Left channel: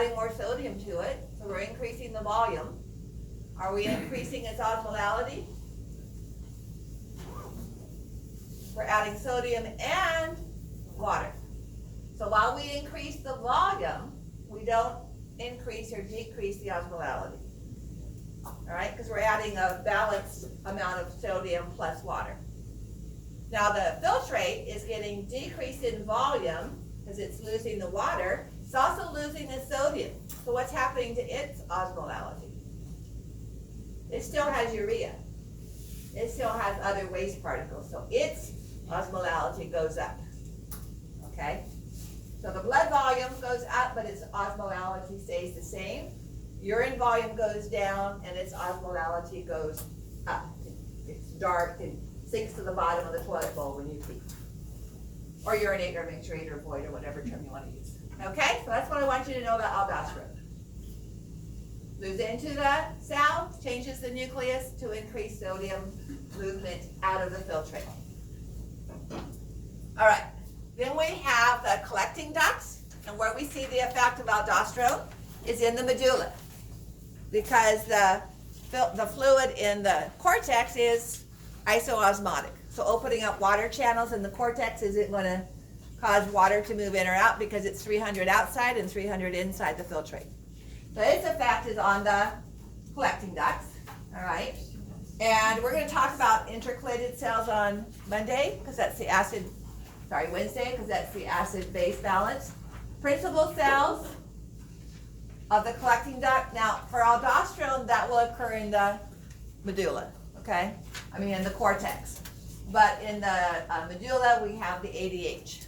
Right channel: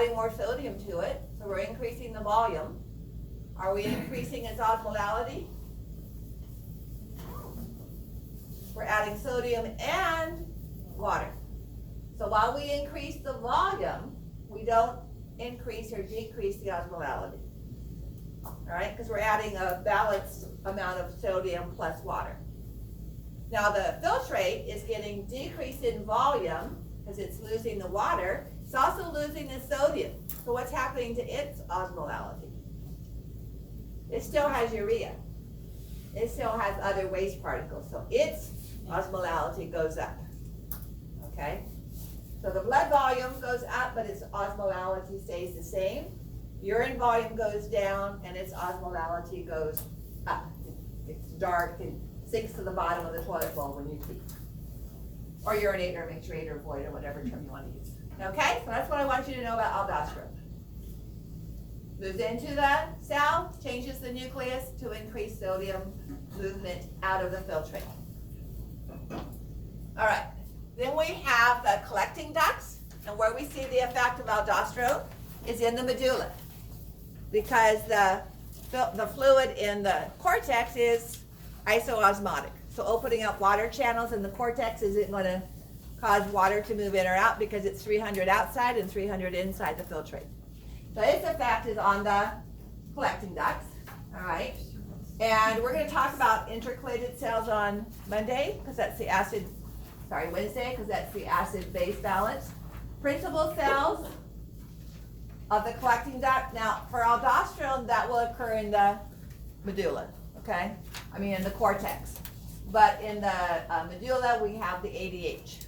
adding more sodium to it, so we're increasing the volume. Are we increasing its osmolality? We're adding sodium and water. So while we increase the volume, we don't increase or decrease the osmolality. All right, because we're adding a balanced amount of sodium plus water. Now the filtrate is getting decreased in volume because it's losing the water. It's also losing the sodium. So what's happening to its osmolality? It still has urea. It still has other waste particles. So its osmolality goes up. Okay? So the blood volume goes up, but its osmolality stays the same. Urine volume goes down, and its osmolality goes up. It's dark and sinks to the bottom of the toilet bowl when you pee. Or urinate, or micturate, or void, or whatever term you want to use. Okay? So that's what I want you to know about aldosterone. Moves into the cell, changes the nucleus to increase sodium movement out of the filtrate. All right. Then we have the collecting ducts, and where we see the effect of aldosterone is in the medulla, because the fluid in the cortex is isoosmotic. So opening up water channels in the cortex isn't going to cause water to move in or out because it's 300 outside and 300 inside the filtrate. So its effect is on the collecting ducts, all right? And we're going to talk about intercalated cells on Monday, because that's the Wednesday, because that's the acid-base balance. Principal cells of the collecting duct. Now, for aldosterone, that will occur in the medulla, okay? In the cortex. But in the medulla, we have the ADH.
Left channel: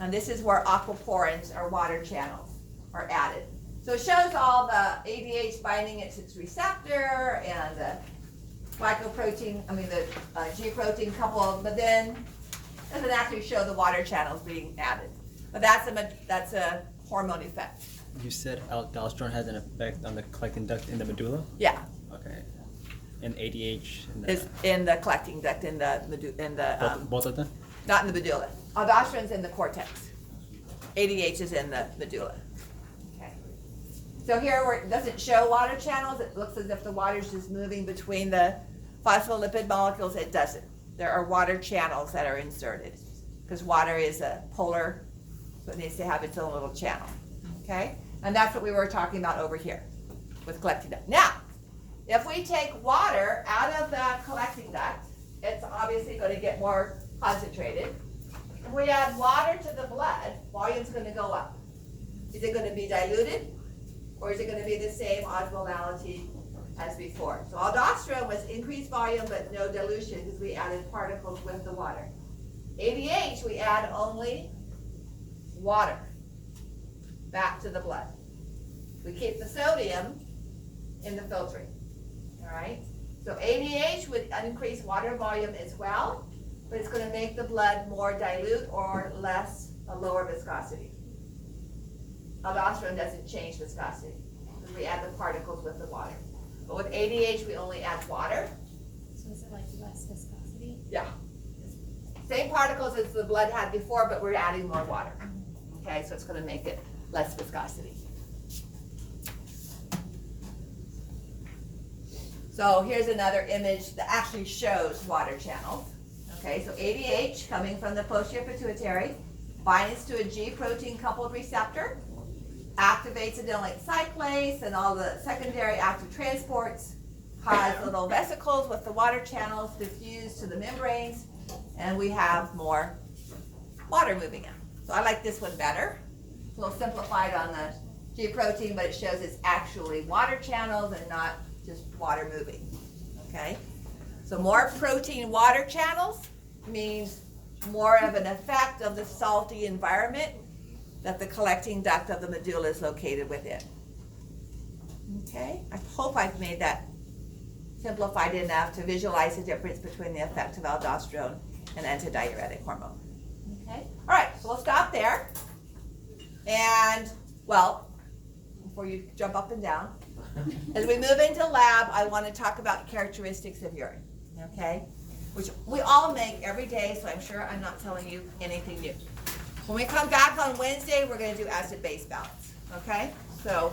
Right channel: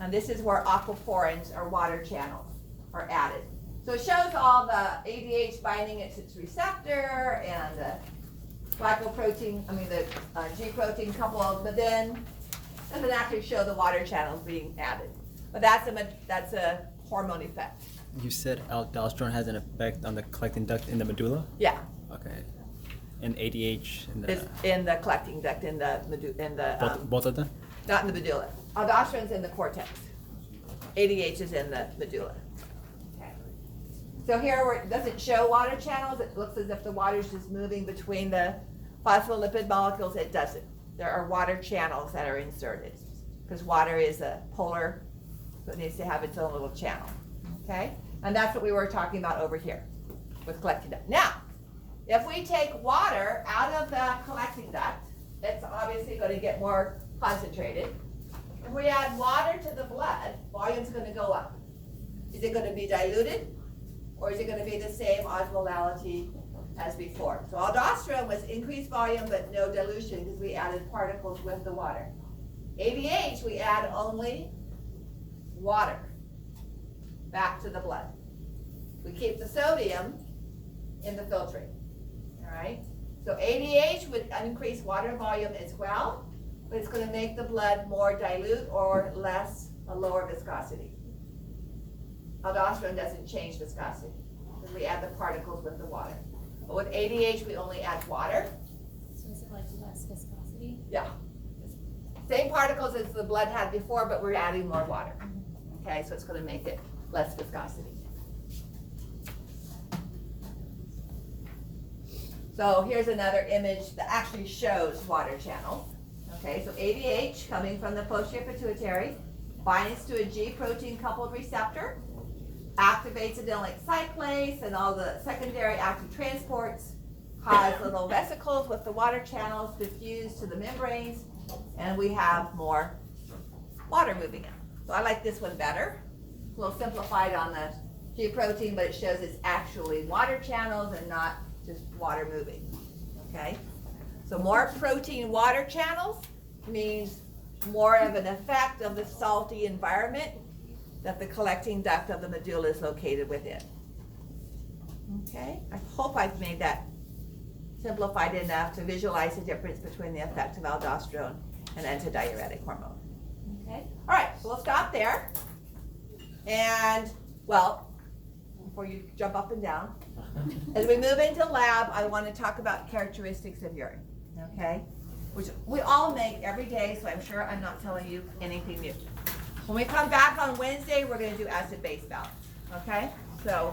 And this is where aquaporins, or water channels, are added. So it shows all the ADH binding at its receptor, and the glycoprotein, the G protein coupled, but then it would actually show the water channels being added. But that's a hormone effect. You said aldosterone has an effect on the collecting duct in the medulla? Yeah. Okay. And ADH Is in the collecting duct in the both of them? not in the medulla. Aldosterone's in the cortex. ADH is in the medulla. Okay. So here where it doesn't show water channels, it looks as if the water's just moving between the phospholipid molecules. It doesn't. There are water channels that are inserted, because water is a polar, so it needs to have its own little channel. Okay? And that's what we were talking about over here with collecting duct. Now, if we take water out of the collecting duct, it's obviously going to get more concentrated. If we add water to the blood, volume's going to go up. Is it going to be diluted, or is it going to be the same osmolality as before? So aldosterone was increased volume but no dilution, because we added particles with the water. ADH, we add only water back to the blood. We keep the sodium in the filtrate. All right? So ADH would increase water volume as well, but it's going to make the blood more dilute or a lower viscosity. Aldosterone doesn't change viscosity, because we add the particles with the water. But with ADH, we only add water. So is it like less viscosity? Yeah. Same particles as the blood had before, but we're adding more water. Okay, so it's going to make it less viscosity. So here's another image that actually shows water channels. Okay, so ADH coming from the posterior pituitary binds to a G protein coupled receptor, activates adenylate cyclase, and all the secondary active transports cause little vesicles with the water channels diffuse to the membranes, and we have more water moving in. So I like this one better. It's a little simplified on the G protein, but it shows it's actually water channels and not just water moving. Okay? So more protein water channels means more of an effect of the salty environment that the collecting duct of the medulla is located within. Okay? I hope I've made that simplified enough to visualize the difference between the effect of aldosterone and antidiuretic hormone. Okay? All right, so we'll stop there. And, well, before you jump up and down, as we move into lab, I want to talk about characteristics of urine, okay? Which we all make every day, so I'm sure I'm not telling you anything new. When we come back on Wednesday, we're going to do acid-base balance. Okay, so